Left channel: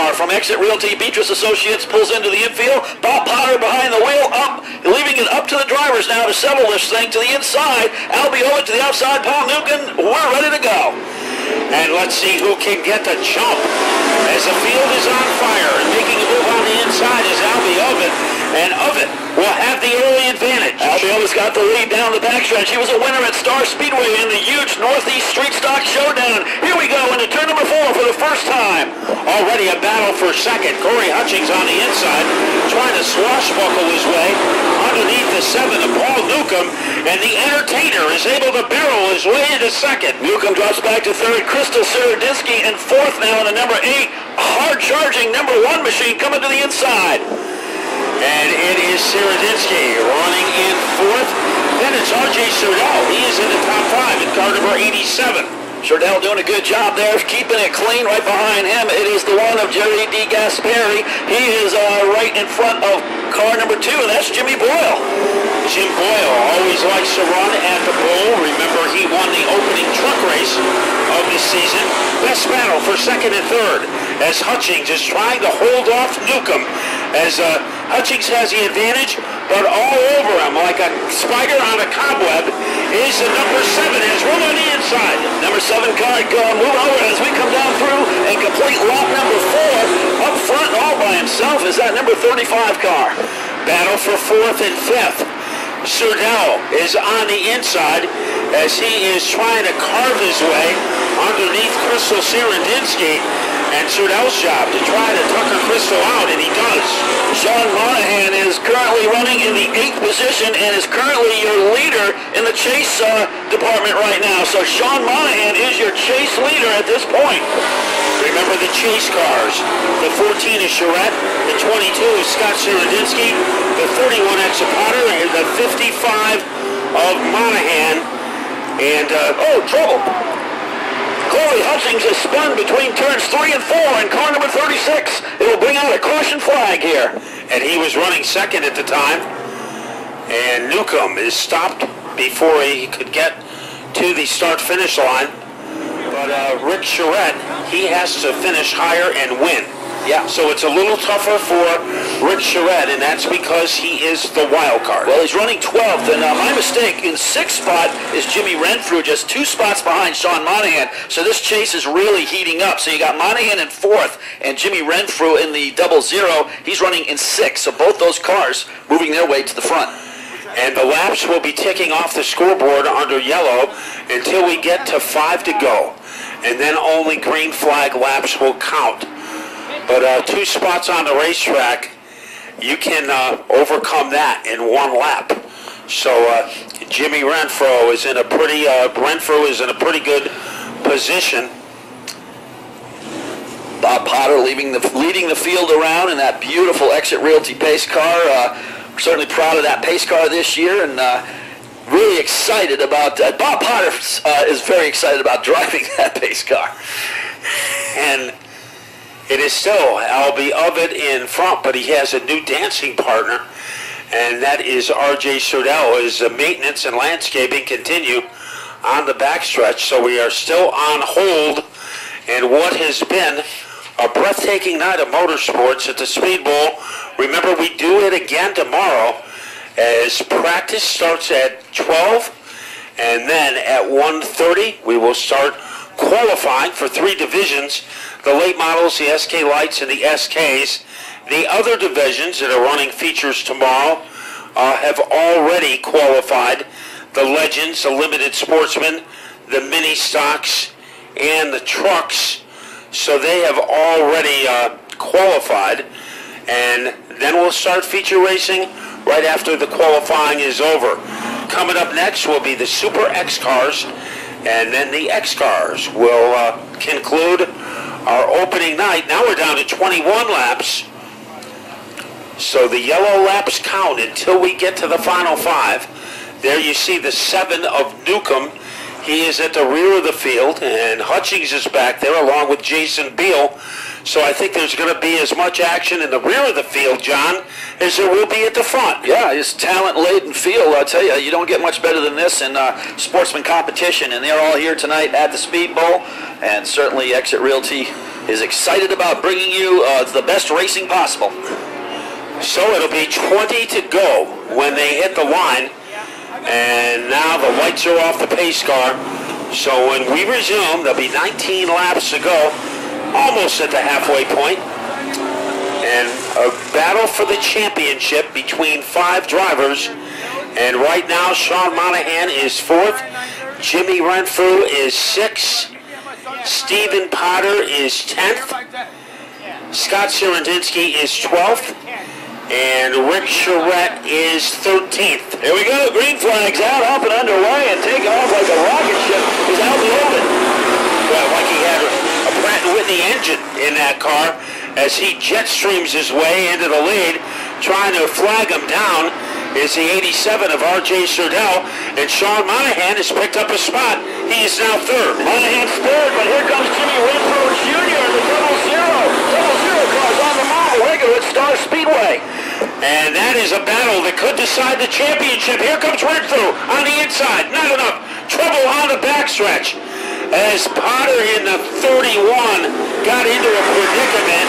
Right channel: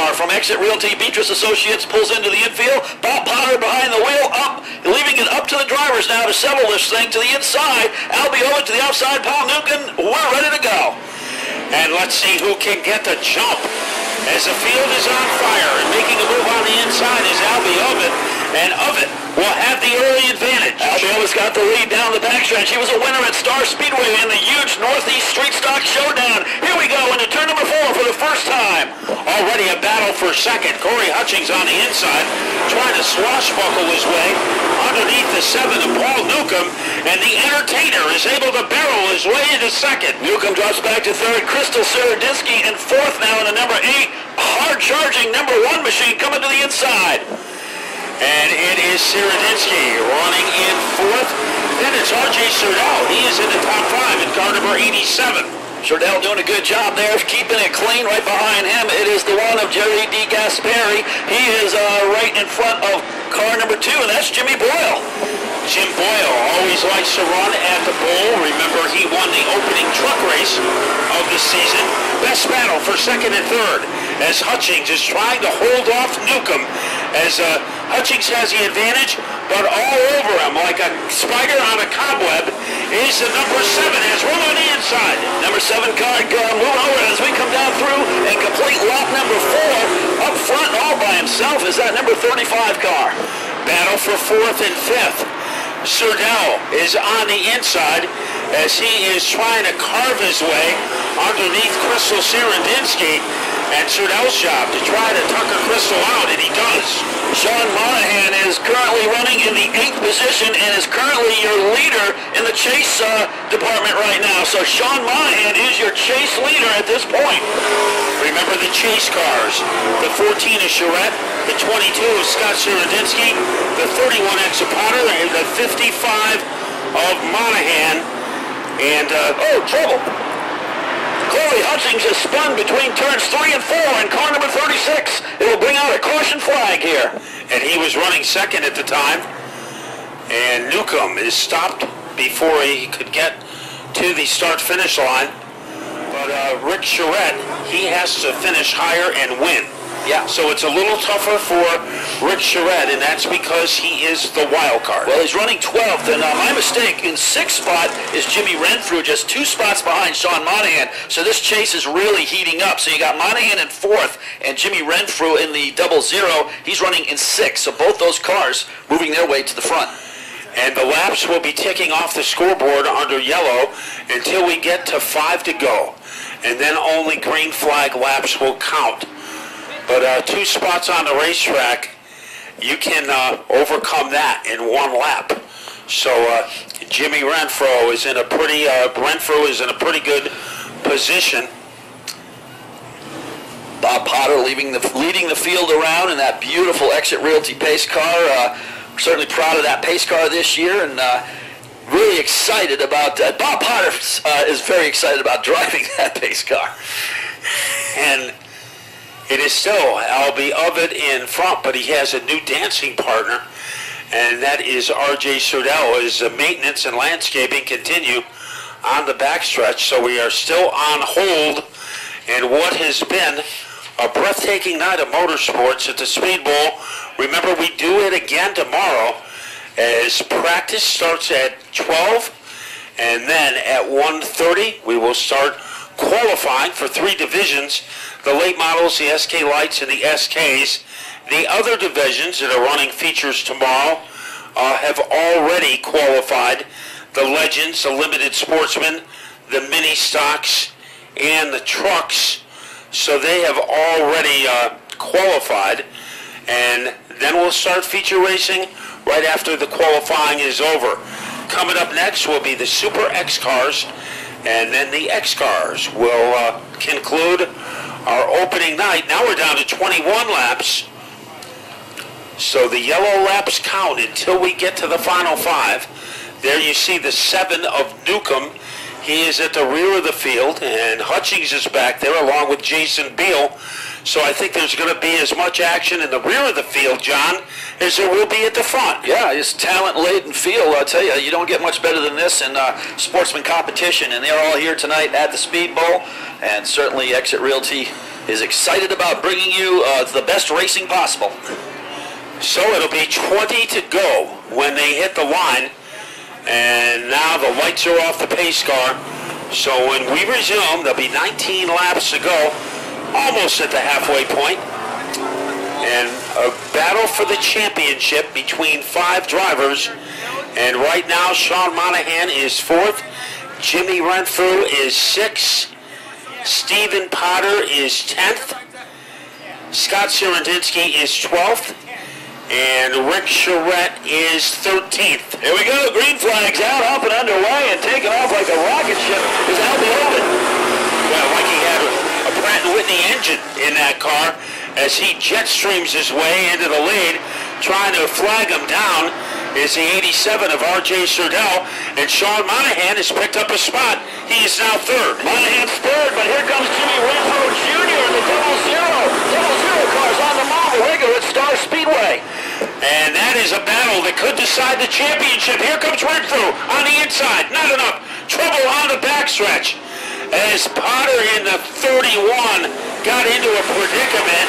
car from Exit Realty Beatrice Associates pulls into the infield. Bob Potter behind the wheel, leaving it up to the drivers now to settle this thing to the inside. Albie over to the outside. Paul Newcomb, we're ready to go. And let's see who can get the jump as the field is on fire. And making a move on the inside is Albie Ovid. And Ovid will have the early advantage. Albie Ovid's got the lead down the backstretch. He was a winner at Star Speedway in the huge Northeast Street Stock Showdown. Here we go into turn number 4 for the first time. Already a battle for second. Corey Hutchings on the inside, trying to swashbuckle his way underneath the 7 of Paul Newcomb. And the Entertainer is able to barrel his way into second. Newcomb drops back to third. Crystal Seredinsky in fourth now in the number 8. Hard-charging number 1 machine coming to the inside. And it is Seredinsky running in fourth. Then it's R.J. Surdell. He is in the top 5 in car number 87. Surdell doing a good job there, keeping it clean. Right behind him, it is the one of Jerry D. Gasperi. He is right in front of car number 2, and that's Jimmy Boyle. Jim Boyle always likes to run at the bowl. Remember, he won the opening truck race of the season. Best battle for second and third as Hutchings is trying to hold off Newcomb. As Hutchings has the advantage, but all over him like a spider on a cobweb is the number 7 as room on the inside. Number 7 car move over as we come down through and complete lap number 4. Up front all by himself is that number 35 car. Battle for 4th and 5th. Surdell is on the inside as he is trying to carve his way underneath Crystal Seredinsky. And Surdell's job to try to tucker Crystal out, and he does. Sean Monahan is currently running in the 8th position and is currently your leader in the chase department right now. So Sean Monahan is your chase leader at this point. Remember the chase cars. The 14 is Charette, the 22 is Scott Seredinsky, the 31 Exit Potter, and the 55 of Monahan. And, trouble. Corey Hutchings has spun between turns 3 and 4 in car number 36. It will bring out a caution flag here. And he was running second at the time. And Newcomb is stopped before he could get to the start-finish line. But Rick Charette, he has to finish higher and win. Yeah. So it's a little tougher for Rick Charette, and that's because he is the wild card. Well, he's running 12th, and my mistake, in 6th spot is Jimmy Renfrew, just 2 spots behind Sean Monahan. So this chase is really heating up. So you got Monahan in 4th, and Jimmy Renfrew in the 00. He's running in 6th. So both those cars moving their way to the front. And the laps will be ticking off the scoreboard under yellow until we get to 5 to go. And then only green flag laps will count. But 2 spots on the racetrack, you can overcome that in 1 lap. So Jimmy Renfrew is in a pretty good position. Bob Potter leading the field around in that beautiful Exit Realty pace car. Certainly proud of that pace car this year, and really excited about Bob Potter is very excited about driving that pace car. And it is still Albie Ovid in front, but he has a new dancing partner, and that is R.J. Surdell. As maintenance and landscaping continue on the backstretch, so we are still on hold in what has been a breathtaking night of motorsports at the Speedbowl. Remember, we do it again tomorrow as practice starts at 12, and then at 1:30 we will start qualifying for 3 divisions: the late models, the SK Lights, and the SKs. The other divisions that are running features tomorrow have already qualified: the Legends, the Limited Sportsmen, the Mini Stocks, and the Trucks. So they have already qualified, and then we'll start feature racing right after the qualifying is over. Coming up next will be the Super X cars, and then the X cars will conclude our opening night. Now we're down to 21 laps. So the yellow laps count until we get to the final 5. There you see the 7 of Newcomb. He is at the rear of the field, and Hutchings is back there along with Jason Beal. So I think there's going to be as much action in the rear of the field, John, as there will be at the front. Yeah, it's talent-laden field. I'll tell you, you don't get much better than this in sportsman competition, and they're all here tonight at the Speedbowl, and certainly Exit Realty is excited about bringing you the best racing possible. So it'll be 20 to go when they hit the line. And now the lights are off the pace car. So when we resume, there'll be 19 laps to go, almost at the halfway point. And a battle for the championship between 5 drivers. And right now, Sean Monahan is 4th. Jimmy Renfrew is 6th. Stephen Potter is 10th. Scott Sirendinsky is 12th. And Rick Charette is 13th. Here we go. Green flag's out, up and underway, and taking off like a rocket ship is Albie Ovid. Well, like he had a Pratt & Whitney engine in that car as he jet streams his way into the lead. Trying to flag him down is the 87 of R.J. Surdell, and Sean Monahan has picked up a spot. He is now 3rd. Monahan's 3rd, but here comes Jimmy Renfrew Jr. in the double zero. Double zero cars on the move, regular at Star Speedway. And that is a battle that could decide the championship. Here comes Renfrew on the inside. Not enough. Trouble on the backstretch as Potter in the 31 got into a predicament.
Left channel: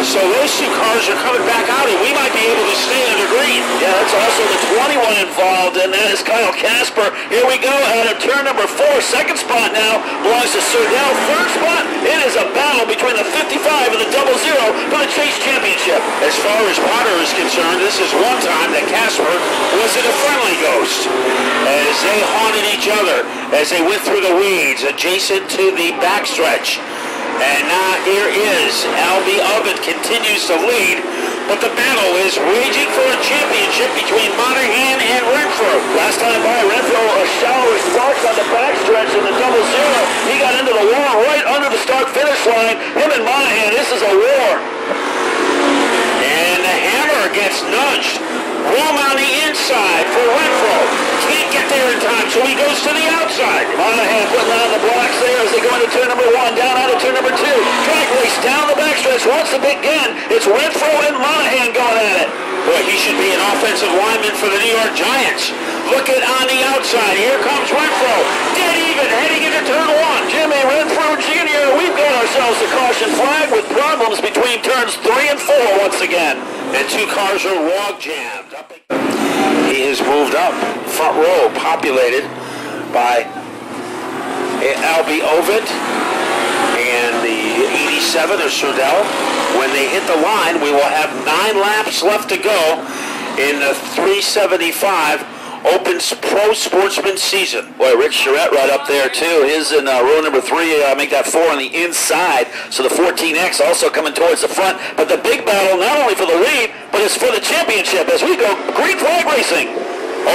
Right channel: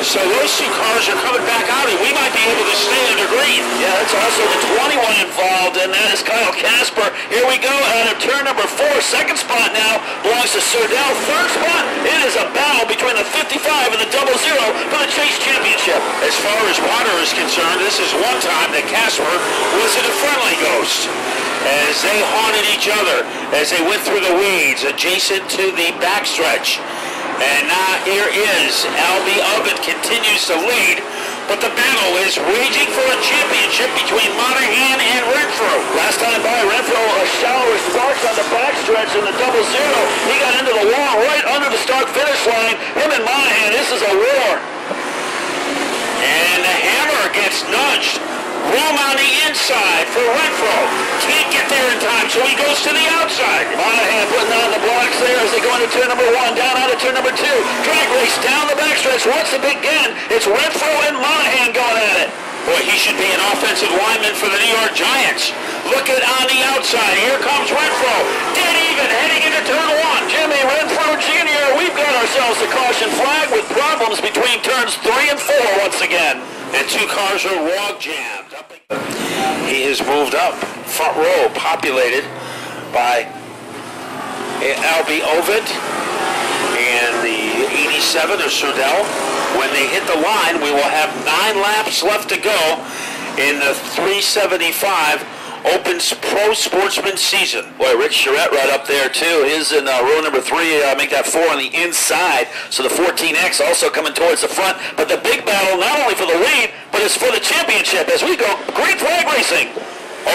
So those 2 cars are coming back out, and we might be able to stay under green. Yeah, that's also the 21 involved, and that is Kyle Casper. Here we go out of turn number 4. 2nd spot now belongs to Surdell. 3rd spot, it is a battle between the 55 and the double zero for the Chase Championship. As far as Potter is concerned, this is one time that Casper wasn't a friendly ghost as they haunted each other as they went through the weeds adjacent to the backstretch. And now here is Albie Ovid continues to lead, but the battle is raging for a championship between Monahan and Renfrew. Last time by, Renfrew a shower of sparks on the backstretch in the double zero. He got into the wall right under the start finish line. Him and Monahan, this is a war. And the hammer gets nudged. Room on the inside for Renfrew. Can't get there in time, so he goes to the outside. Monahan putting on the blocks there as they go into turn number 1, down out of turn number 2. Drag race down the backstretch. Once again, it's Renfrew and Monahan going at it. Boy, he should be an offensive lineman for the New York Giants. Look at on the outside. Here comes Renfrew. Dead even, heading into turn 1. Jimmy Renfrew Jr., we've got ourselves a caution flag with problems between turns 3 and 4 once again. And 2 cars are log jammed. He has moved up. Front row populated by Albie Ovid and the 87 of Surdell. When they hit the line, we will have 9 laps left to go in the 375 Open Pro Sportsman season. Boy, Rick Charette right up there too. His in row number 3, make that 4 on the inside. So the 14X also coming towards the front. But the big battle, not only for the lead, but it's for the championship as we go green flag racing.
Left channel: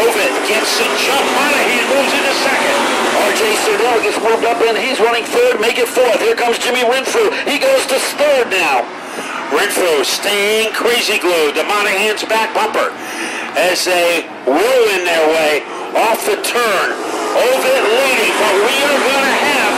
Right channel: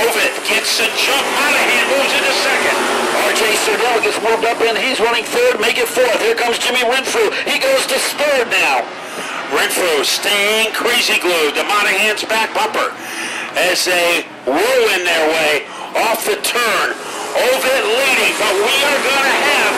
Ovid gets the jump. Monahan moves into 2nd. R.J. Surdell gets moved up in. He's running 3rd, make it 4th. Here comes Jimmy Renfrew. He goes to 3rd now. Renfrew staying crazy glued to Monahan's back bumper as they ruin their way off the turn. Ovid leading, but we are going to have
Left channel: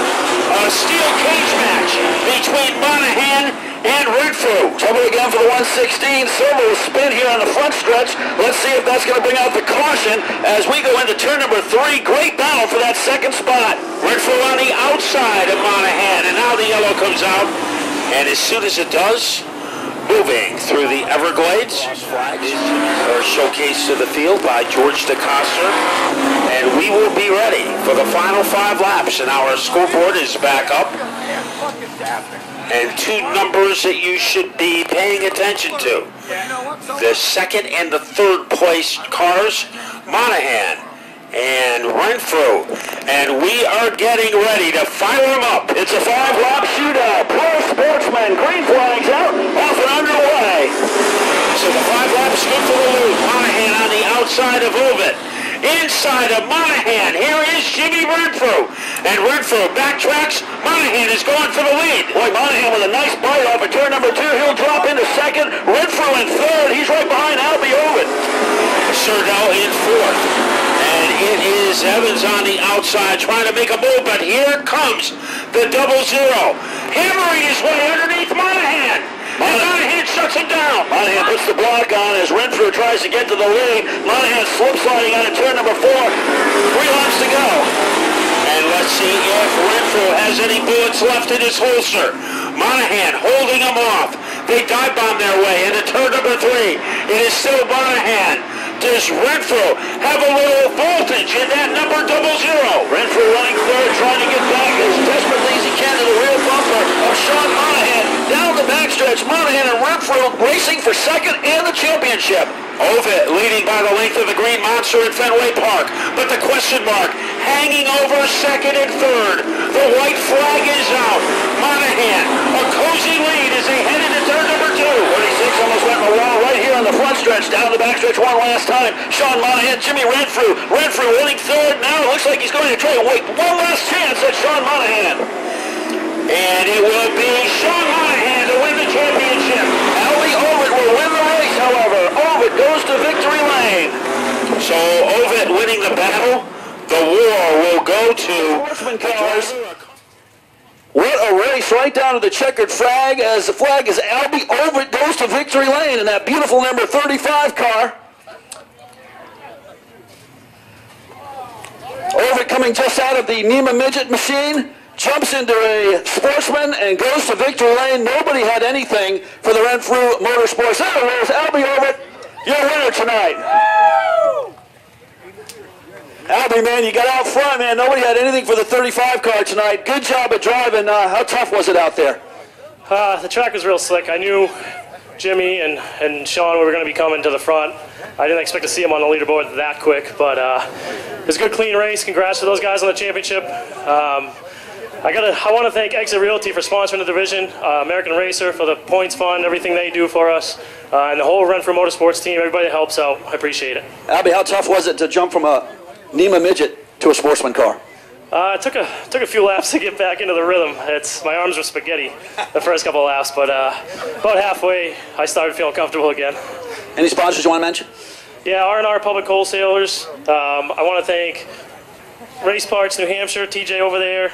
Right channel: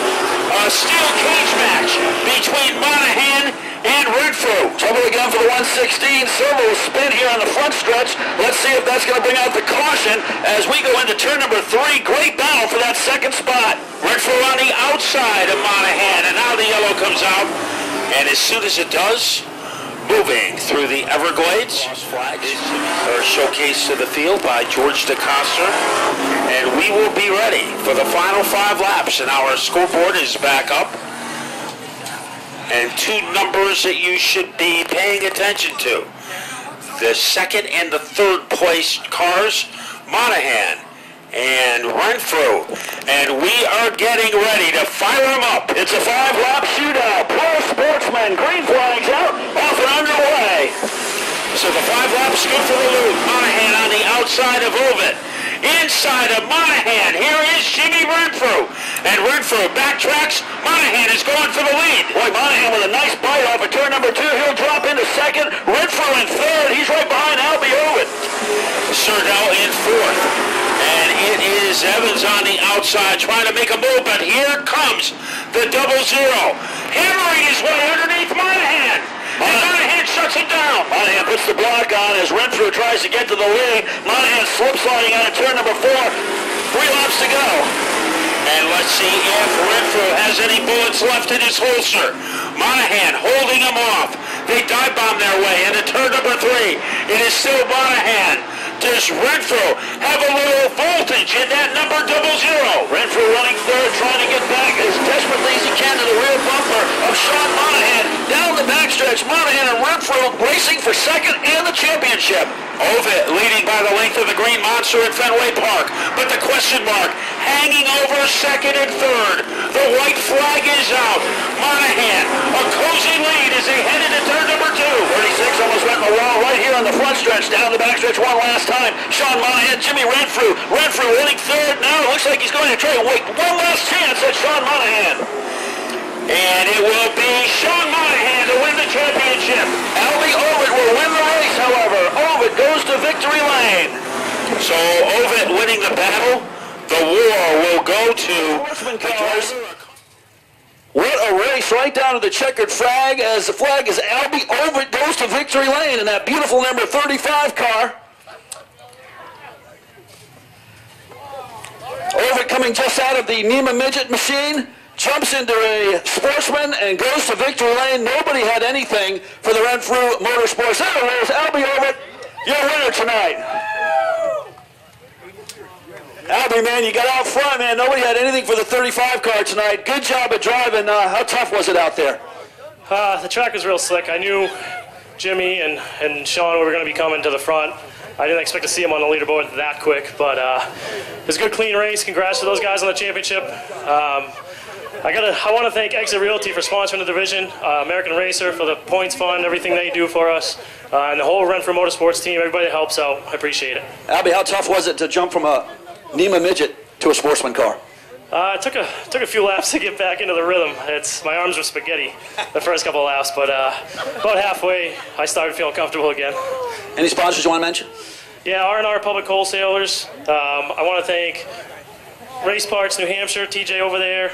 a steel cage match between Monahan and Renfrew. Trouble again for the 116. Servo spin here on the front stretch. Let's see if that's going to bring out the caution as we go into turn number 3. Great battle for that 2nd spot. Renfrew on the outside of Monahan, and now the yellow comes out. And as soon as it does, moving through the Everglades, flags are showcased to the field by George DeCoster, and we will be ready for the final 5 laps, and our scoreboard is back up. And 2 numbers that you should be paying attention to. The 2nd and the 3rd place cars, Monahan and Renfrew, and we are getting ready to fire them up. It's a 5-lap shootout. Pro Sportsman, green flags out, off and underway. So the 5 laps good for the lead. Monahan on the outside of Ovid. Inside of Monahan, here is Jimmy Renfrew. And Renfrew backtracks. Monahan is going for the lead. Boy, Monahan with a nice bite off of turn number 2. He'll drop into 2nd. Renfrew in 3rd. He's right behind Albie Ovid. Surdell in 4th. And it is Evans on the outside trying to make a move, but here comes the double zero. Hammering his way underneath Monahan. And Monahan shuts him down. Monahan puts the block on as Renfrew tries to get to the lead. Monahan slip sliding out of turn number 4. 3 laps to go. And let's see if Renfrew has any bullets left in his holster. Monahan holding them off. They dive bomb their way into turn number 3. It is still Monahan. Does Renfrew have a little voltage in that number 00? Renfrew running third, trying to get back as desperately as he can to the rear bumper of Sean Monahan. Down the backstretch, Monahan and Renfrew racing for second and the championship. Ovid leading by the length of the green monster at Fenway Park, but the question mark hanging over second and third. The white flag is out. Monahan, a cozy lead as they head into turn number 2. 36 almost went in the wall right here on the front stretch. Down the backstretch one last time. Sean Monahan, Jimmy Renfrew. Renfrew winning third. Now it looks like he's going to try and wait one last chance at Sean Monahan. And it will be Sean Monahan to win the championship. Albie Ovid will win the race, however. Ovid goes to victory lane. So Ovid winning the battle. The war will go to the driver. What a race right down to the checkered flag as the flag is Albie Ovid goes to victory lane in that beautiful number 35 car. Ovid coming just out of the NEMA midget machine, jumps into a Sportsman and goes to victory lane. Nobody had anything for the Renfrew Motorsports. There it is, Albie Ovid, your winner tonight. Albie, man, you got out front, man. Nobody had anything for the 35 car tonight. Good job of driving. How tough was it out there? The track was real slick. I knew Jimmy and Sean were going to be coming to the front. I didn't expect to see them on the leaderboard that quick, but it was a good, clean race. Congrats to those guys on the championship. I want to thank Exit Realty for sponsoring the division, American Racer for the points fund, everything they do for us, and the whole Renfrew Motorsports team. Everybody that helps out, I appreciate it. Albie, how tough was it to jump from a NEMA midget to a Sportsman car? It took a few laps to get back into the rhythm. My arms were spaghetti the first couple of laps, but about halfway I started feeling comfortable again. Any sponsors you want to mention? Yeah, R&R Public Wholesalers. I want to thank Race Parts New Hampshire, TJ over there.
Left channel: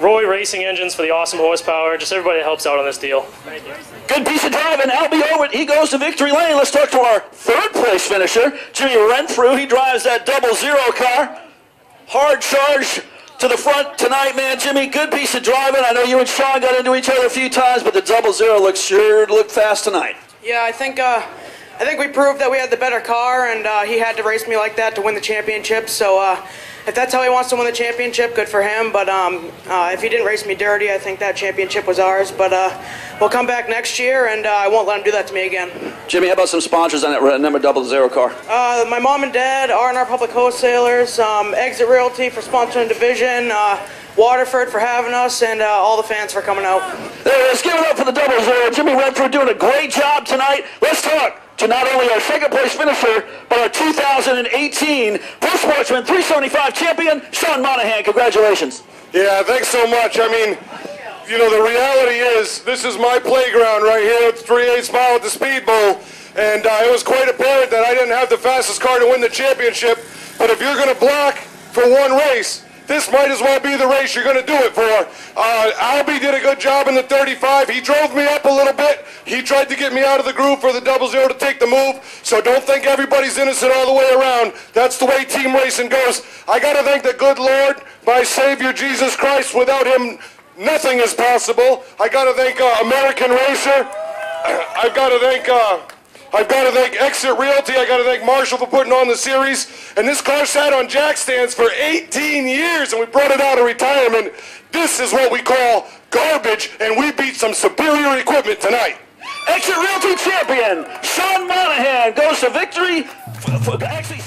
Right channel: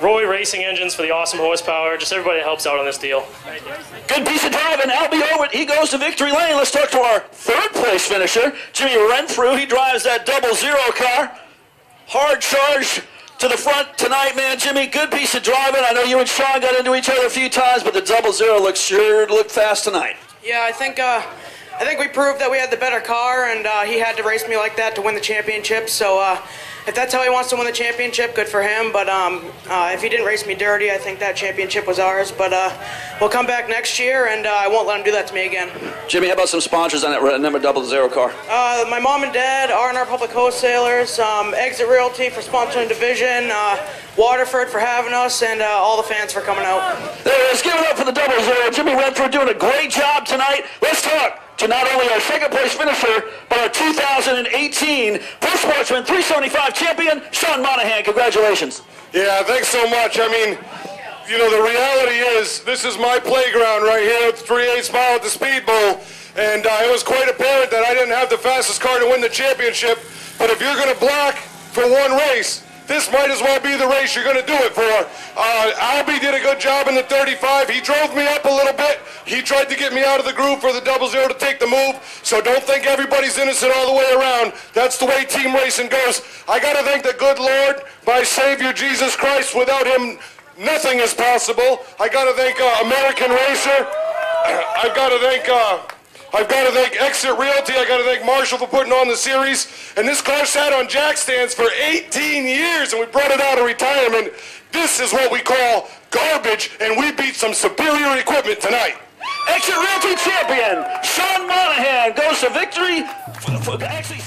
Roy Racing Engines for the awesome horsepower. Just everybody that helps out on this deal. Thank you. Good piece of driving. Albie Ovid, he goes to victory lane. Let's talk to our third place finisher, Jimmy Renfrew. He drives that 00 car. Hard charge to the front tonight, man. Jimmy, good piece of driving. I know you and Sean got into each other a few times, but the 00 sure looked fast tonight. Yeah, I think we proved that we had the better car, and he had to race me like that to win the championship. So if that's how he wants to win the championship, good for him. But if he didn't race me dirty, I think that championship was ours. But we'll come back next year, and I won't let him do that to me again. Jimmy, how about some sponsors on that number 00 car? My mom and dad, R&R Public Wholesalers, Exit Realty for sponsoring the division, Waterford for having us, and all the fans for coming out. There it is. Give it up for the 00. Jimmy Renfrew doing a great job tonight. Let's talk to not only our second place finisher, but our 2018 Pro Sportsman 375 champion, Sean Monahan. Congratulations. Yeah, thanks so much. I mean, you know, the reality is this is my playground right here at the 3/8 mile at the Speedbowl, and it was quite apparent that I didn't have the fastest car to win the championship, but if you're going to block for one race, this might as well be the race you're going to do it for. Albie did a good job in the 35. He drove me up a little bit. He tried to get me out of the groove for the 00 to take the move. So don't think everybody's innocent all the way around. That's the way team racing goes. I got to thank the good Lord, my Savior Jesus Christ. Without him, nothing is possible. I got to thank American Racer. I've got to thank Exit Realty. I got to thank Marshall for putting on the series. And this car sat on jack stands for 18 years, and we brought it out of retirement. This is what we call garbage, and we beat some superior equipment tonight. Exit Realty champion, Sean Monahan goes to victory. Actually,